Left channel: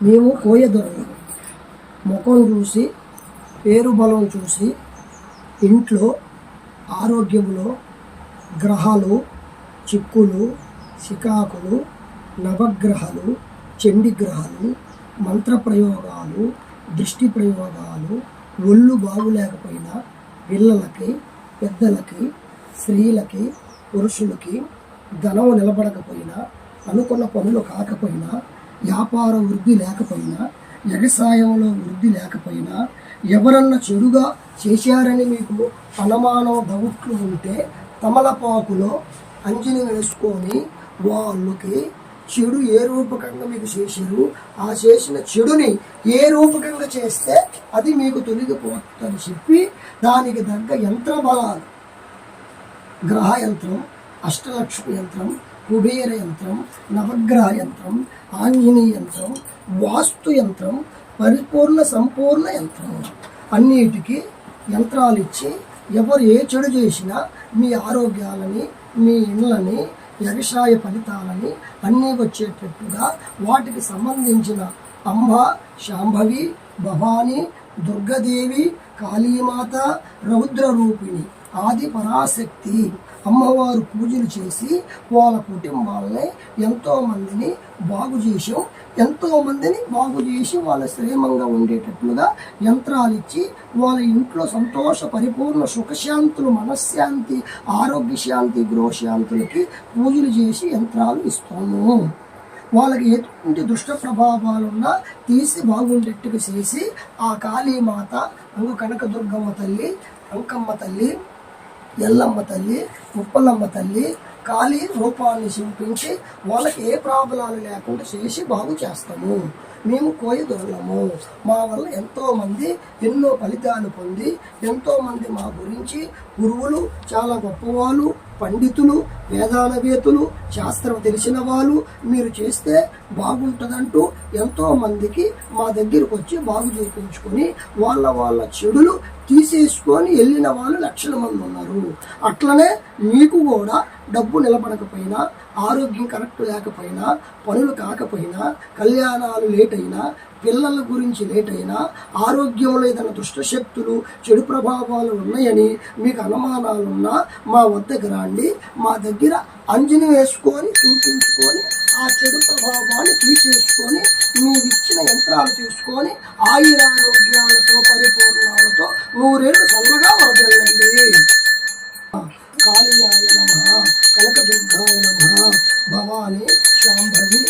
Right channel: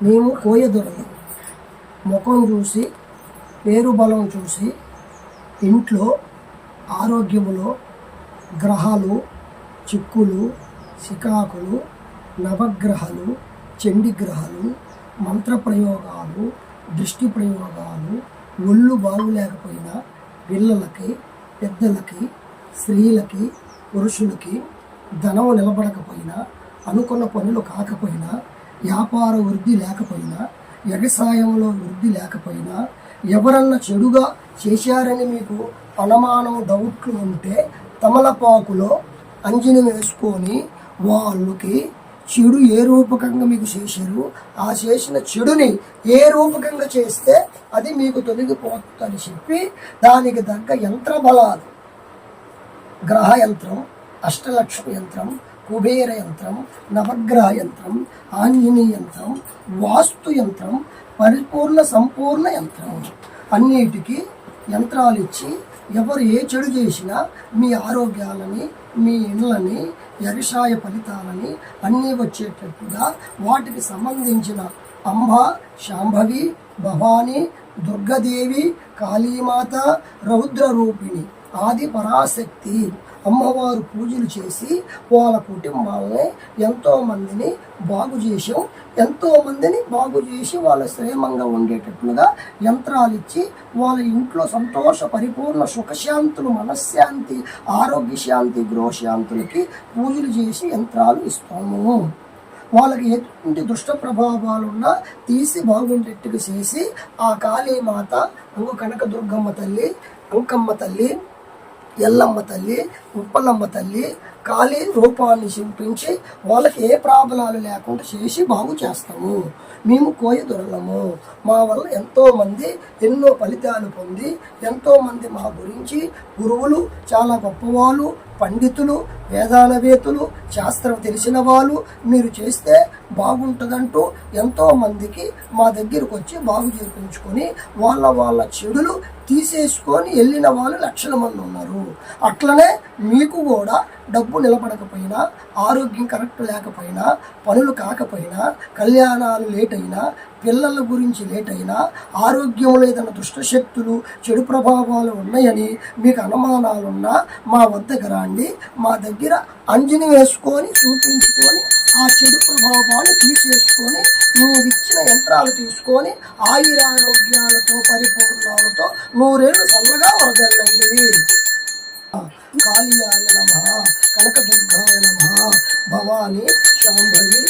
మేము కోయదొరలు ముఖం చూసి పేరు బలం చూసి ఇంట్లో ఆరోగ్యములో గ్రహాలు చిక్కులు శికాకులు నవగ్రహాలు చండిగ్రహాలు మంత్రప్రయోగాలు మంత్ర ప్రయోగాలు దృష్టి ప్రయోగాలు ఒళ్ళు బాగులేకపోయినా పిల్లలకి పెద్దలకి స్త్రీలకి పురుషులకి ధనం నిలబడకపోయినా అనుకున్న పనులు కాకపోయినా వ్యాపార వృద్ధి లేకపోయినా వ్యవసాయంలో వృద్ధి లేకపోయినా ఎవరన్నా చెడుగా చేశారని మీకు అనుమానం డౌట్లు ఉంటే తమలపాకులో అంజని వేసుకొని వాళ్ళకి చెడు ఏ రూపకంగా మీకు చేశారు ఆ చేసిన చెడుని ఏ రూపకంగా చేస్తే అది మీకు తొలగిపోతుందని చెప్పి దానికి తగ్గ యంత్ర బలాలు గ్రహ యంత్రం అష్టలక్ష్మి యంత్రం కుబేర యంత్రం నవగ్రహ యంత్రం ఆంజనేయ యంత్రం వాస్తు యంత్రం పరిపూర్ణ సంపూర్ణ యంత్రం. అన్నిటికీ యంత్రాలు ఇచ్చి ఎవరు ఏ చెడు చేసినా మీ ఆరోగ్యాలని మీ ఇళ్ళని వ్యవసాయ ఫలితాలని అన్నీ వచ్చేటట్టుగా వాటికి సంబంధించిన అంబ శాంభవి భవాని దుర్గదేవి కాళీమాత రౌద్ర రూపిణి ఆది పరాశక్తి. అమ్మవారు పూజలు చేసి వాళ్ళ కుటుంబాలని ఎంతో మందిని బాగు చేసాం ఎంతో మందిని బాగు చేసి వాళ్ళ శ్రేమంగా ఉండేటట్లుగా యంత్రాలు ఇచ్చి వాళ్ళ ఇంట్లో సంతోష పరిపూర్ణ సుఖశాంతులు మనశ్శాంతి ఆరోగ్య శాంతి గృహశాంతులకి పూజలు చేసి యంత్రాలు ఇస్తాము. వాళ్ళకి ఎటువంటి దుష్ట ప్రభావాలున్నా తీసి బాగుండేట్టుగా చేసి ఆ కాళీమాత అంగు కనకదుర్గమ్మ తల్లి అంకమ్మ తల్లి ఎల్లమ్మ తల్లి ఉప్పలమ్మ తల్లి కాళీ రూపాన్ని చూపించి వాళ్ళకి ఏ ప్రాబ్లాలు లేకుండా చేసి బాగు చేస్తాము. మేము కోయ దొరలము మా వల్ల ఎంతోమంది ఎన్నో ఫలితాలు పొంది ఎంతోమంది మా గురించి గురువులు చాలా గొప్పవాళ్ళు పండితులు వేదానవేతులు శాస్త్రం తెలిసిన వాళ్ళు మీరు చేస్తే బాగుంటుందంటూ ఎంతో మందికి మా దగ్గరకు వచ్చి బాగు చేయించుకొని వాళ్ళ వాళ్ళ చెడులు తీసేసుకొని వెళ్ళిన వాళ్ళు లక్షల మంది ఉన్నారు. అట్లనే మీకు కూడా డబ్బు నిలబడకపోయినా ఆరోగ్యం కరెక్ట్ లేకపోయినా పనులు కాకపోయినా కళ్యాణాలు లేట్ అయినా పిల్లల గురించి ఏటైనా ఆరోగ్యంలో ఏదైనా దుష్టశక్తులు చెడు ప్రభావాలు ఉన్నాయని మీకు అనుమానాలున్నా మా వద్దకు రండి. మా దగ్గర అంజని వేసుకొని చూపించుకొని ఆ చెడు ప్రభావాన్ని తీసేసుకొని మీరు ఇచ్చిన యంత్రాలు తీసుకొని ఆయురారోగ్యాలతో పరిపూర్ణాలతో నూరేళ్ళు చల్లగా వరదలండి కాళీయాయ నమ కనకదుర్గాయ నమ భవాని శాంభవి